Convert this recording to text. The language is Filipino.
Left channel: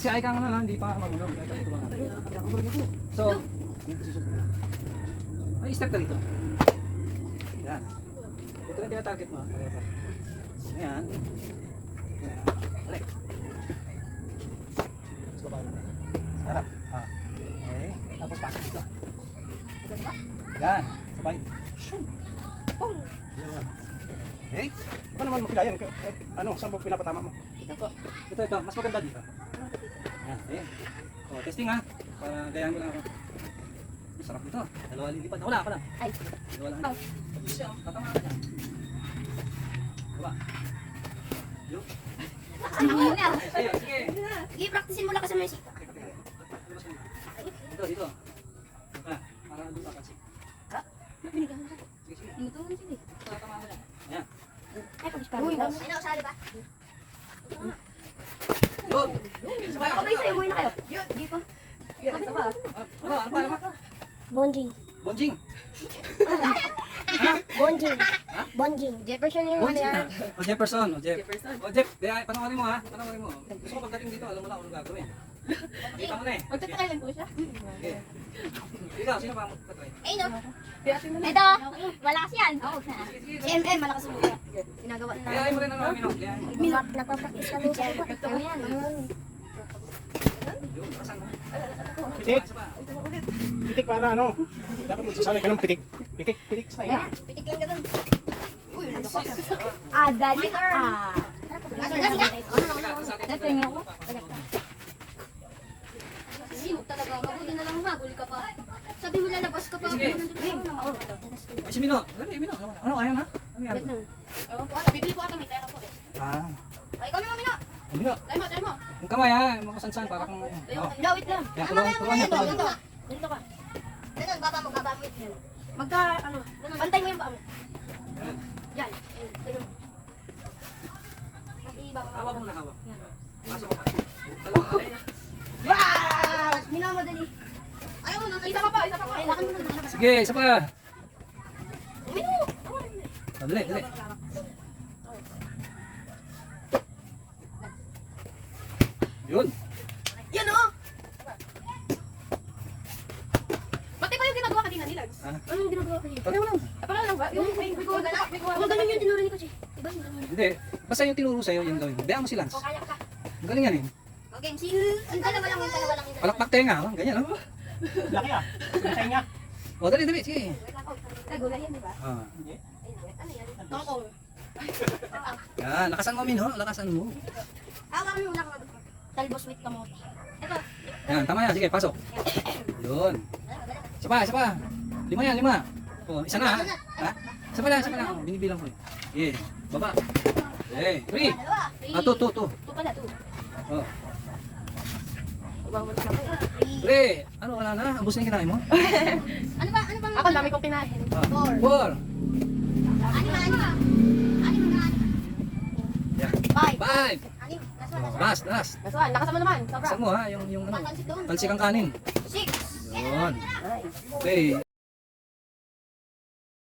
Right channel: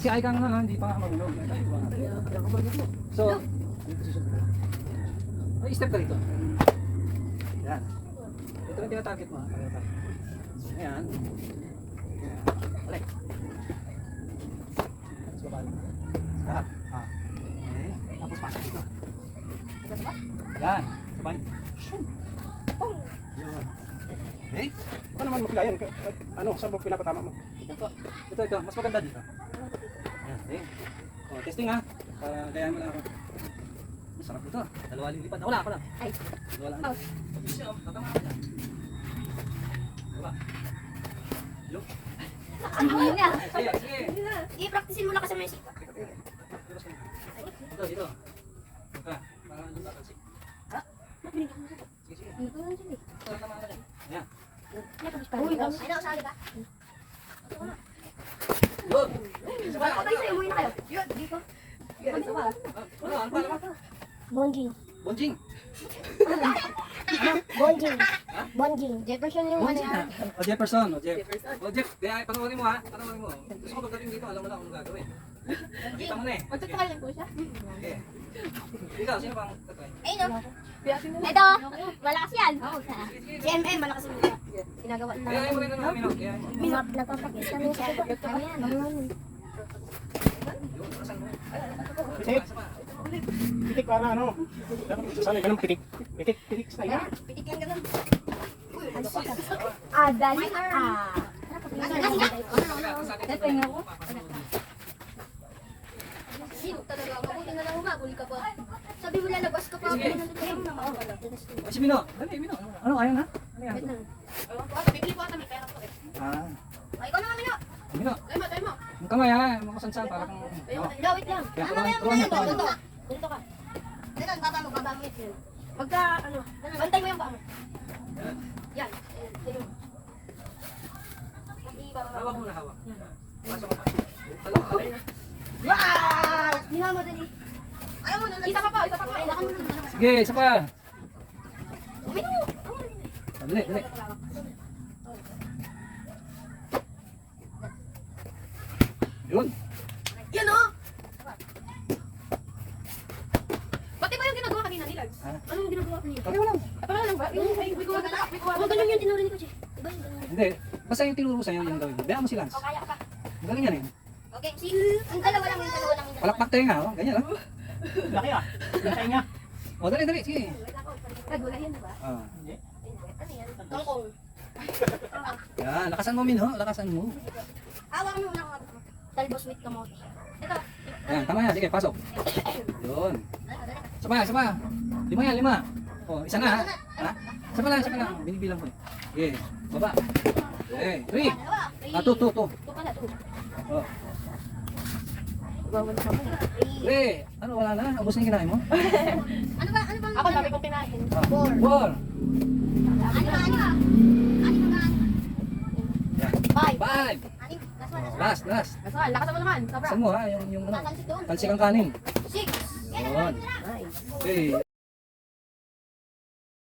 Si Ay kang naman, hindi pa marunong. So, ay, step ka dito. Yan. Ito yung tinatarget mo. Ayan. Balik. Let's go balik. Harap. Okay. Tapos pasok dito. Yan. Sabay. Yan. Okay. Ito naman makilayan. Ano, saan mo pinapatama mo? Ito. Mas maganda dito. Yan. Okay. So, testing ha. Para gayahin mo lang ako. Sarap ito. Dalawa lilipat. Wala ka lang. Ay. Dalawa lang. Siya, tatama ka dyan. Wala. Hello? Sige, sige. Sige, practicein mo lang kasi may sika. Dito. Ah, para doon ka kasi. Ha? Sige, sige. Ito lang sige. Tatama ka dyan. Yan. Uy, may nakasali ba? Doon. Umuwi na kayo. Yun, dito. Ano ba? Ano pa? Bonjing. Bonjing. Bonjing. Bonjing. Jefferson yung ano Bonjing. yan. O Jefferson. O Jeff. O Jeff. Panoorin mo ha. Panoorin mo. Gusto mo pagdating dito, alam mo na kung anong gagawin. Kita mo na eh. Magtatry lang po siya. Okay. Dito, sino bang tatry? Ay, no. Ito, malakas yan. Si MM, malakas mo. Ginagawa na. Kaya mo rin ang mga minok. Kaya mo. Nagpapakita mo sa iba. Ayan. Yun, saan mo? Pitik. Pitik para ano? Dapat sasabi ka ng pitik. Pitik sa iya. Pitik yan ganun. Uy, ano ba? Ah, dali. Ah. Ito yung ako. Kasi talaga, mabuti na lang haguli ka pa. Sabi mo lalabas ka pa. Sige. Ay, si Mino. Dali, Mino. Ano, ayaw na? Ano yan? Bibi ko ata may pera ko eh. Ah. Ay, ikaw naman, Mino. Mino. Tayo mo. Yung kamay ha. Makasansan para kung... Lawit lang. Yan, Ano kaya mo turuan niya, ngayon? turuan Ganito. niya. Ganito ka. Ganun, babamit mo. Magka, ano, bantay mo yung paa mo. Yan. Tignan mo. Hawak mo na, hawak. Yan. Pasok ka. Dalawang kamay. Wow! Minamadali. Ayaw mo, isa ka pa. Kailangan mo na. Sige, isa pa. Uminom mo. Dali, dali. Yun. Yan o! Pati ba yung ginagawa kanina nila? Ah. Ano yung ginagawa kanina? Pareho lang. Parang lang ba? Yung may kuha na? Ang ganun yung tinuro ni Kuchi. Iba yung ganun. Hindi. Basta yung tinuro sa'yo, yung gawin mo. Bayaan mo si Lance. O, kaya ka. Ang galing yan eh. Okay, MC. Yung dalawa lang. Palakpak tayo nga. Oh. Ganyan. Oh. Laki ah. Laki nga. Oh, dali, dali. Sige. Nagulay yan, di ba? Ah. Ano yan? Tongkong. Yan. Lakasan mo, Min. Lakasan mo. Awakan mo muna ako. Talbos with kamote. Ito. Yan. Tama yan. Sige, pasok. Yun. Isa pa, isa pa. Lima yan, lima. Oh, isa na ha. Ha? Isa pa lang, isa pa lang. Binibilang ko. Okay. Baba. Okay. 3. Dalawa. Ah, 2. Ito pala. Oh. 3. Ano, wala na? Ubus na yung kinain mo? Ano ba? Ako dami kong pinahin. 4. Ano ba? Yan. 5. 5. Last, last. Lakasan mo naman. Sobra. Saan mo ha? Yung ano? Tatalsik doon. Talsik ang kanin. 6. Yun. Okay.